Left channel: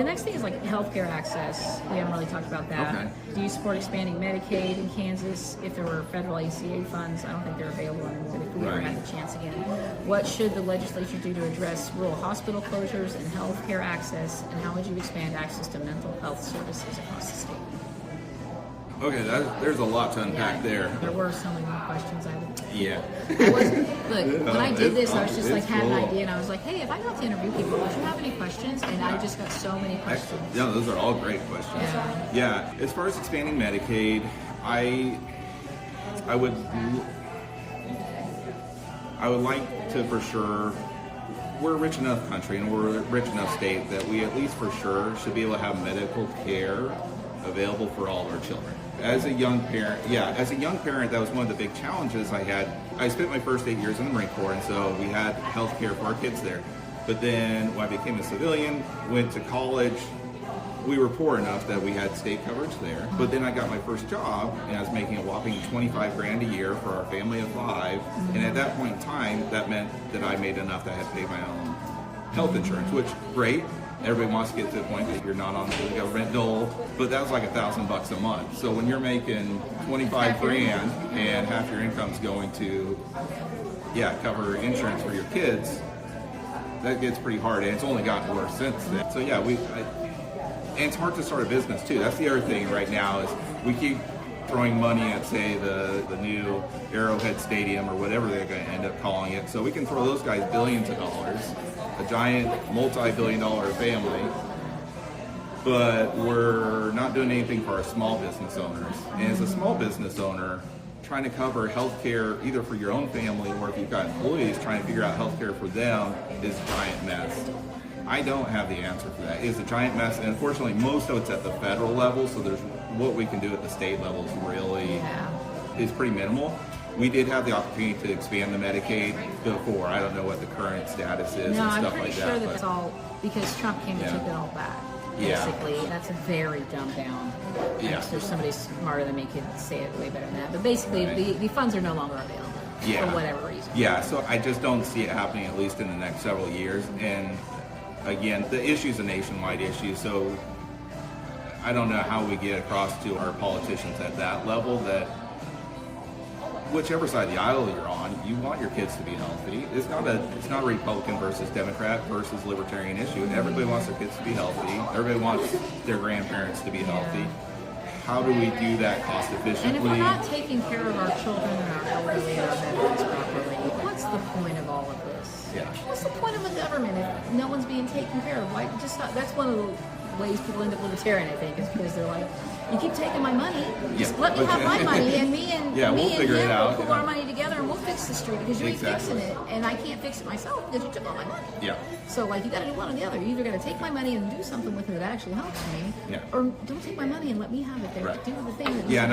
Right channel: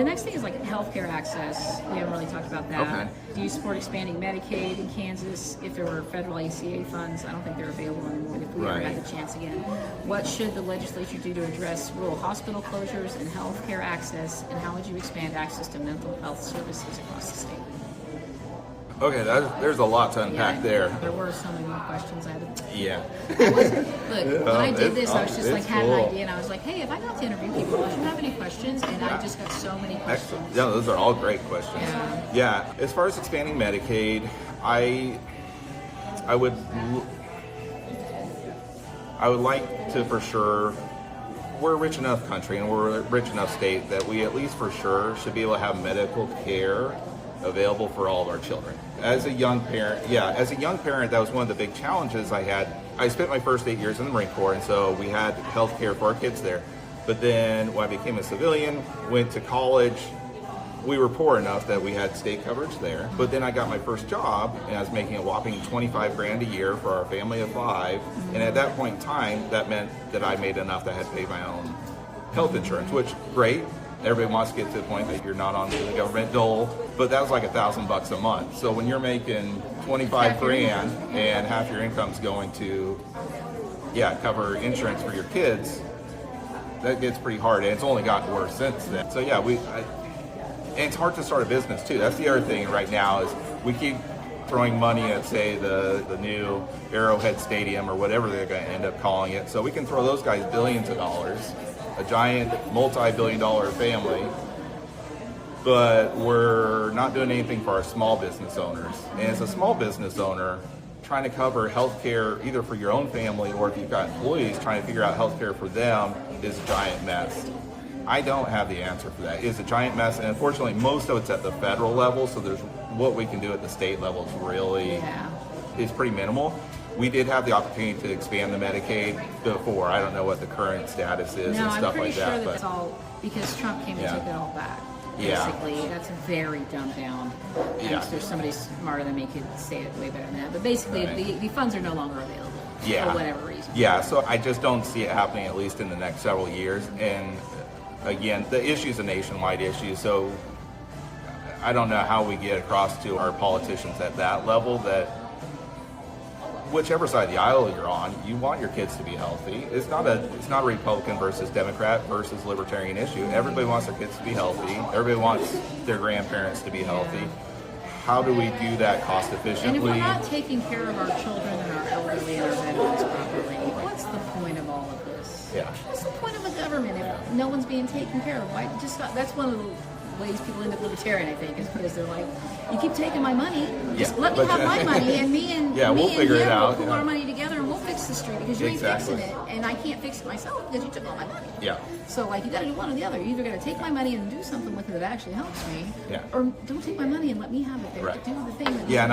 The next thing is like healthcare access. We haven't really talked about that. Okay. Do you support expanding Medicaid in Kansas? If there were federal ACA funds, I don't think they're available anymore. If we ever Right. had the chance again, what should the legislature do to address rural hospital closures and healthcare access? And how would you expand access to mental health services across the state? Okay, there's a lot to unpack there. There were so many more questions. I had. Yeah. Look, when I did this, I was just like, it's had an cool. idea, and I was like, hey, if I got to interview people, do you have any questions? And I just got so many questions. Excellent. Yeah, those are all great questions. Yeah. As far as expanding Medicaid, I would like to for sure. We're a rich enough country and we're a rich enough state that we at least for sure should be able to have medical care available for all of our children. As a young parent, that was one of the big challenges I had. I spent my first 8 years in the Marine Corps, and so we had health care for our kids there. But then when I became a civilian, went to college, we were poor enough that we had state coverage there. But then I got my first job, and I was making a whopping 25 grand a year for our family of 5. And at that point in time, that meant that I made enough that I had to pay my own health insurance, which great. Everybody wants to get to the point that you're not on the government dole, but that was like $1,000 a month. So when you're making 25 grand and half your income's going to, cover insurance for your kids, that gets pretty hard, and it's only gotten worse since then. So and it's hard to start a business too. That's the other thing right now is we keep throwing money at, say, the new Arrowhead Stadium or whatever they're going to end up calling it. So we can throw those guys billions of dollars, a giant multi-billion-dollar family, but we're not doing anything for our small business owners. And as a small business owner, trying to cover health care either for your own family or if you've got employees, trying to figure out health care for them is a giant mess. I don't have the answer for that. It's a giant mess, and unfortunately, most of it's at the federal level, so there's what we can do at the state level is pretty minimal. We did have the opportunity to expand the Medicaid before. I don't know what the current status is and stuff like that. No, I'm pretty sure that's all because Trump came and took it all back. Basically, that's a very dumbed down. I'm sure somebody smarter than me could say it way better than that. But basically, the funds are no longer available for whatever reason. Yeah, so I just don't see it happening at least in the next several years. And again, the issue is a nationwide issue, so I don't know how we get across to our politicians at that level that whichever side of the aisle you're on, you want your kids to be healthy. It's not a Republican versus Democrat versus Libertarian issue. Everybody wants their kids to be healthy. Everybody wants their grandparents to be healthy. How do we do that cost efficiently? And if we're not taking care of our children and our elderly and our veterans properly, what's the point of all of this? Yeah. What's the point of a government if no one's being taken care of? That's one of the ways people end up libertarian, I think, is because they're like, you keep taking my money, just let me have my money, and me and we'll figure it out. We'll pool our money together and we'll fix the street because you ain't fixing it, and I can't fix it myself because you took all my money. Yeah. So you got to do one or the other. You're either going to take my money and do something with it that actually helps me, or don't take my money and let me have it there. Right. Do the thing that. Yeah.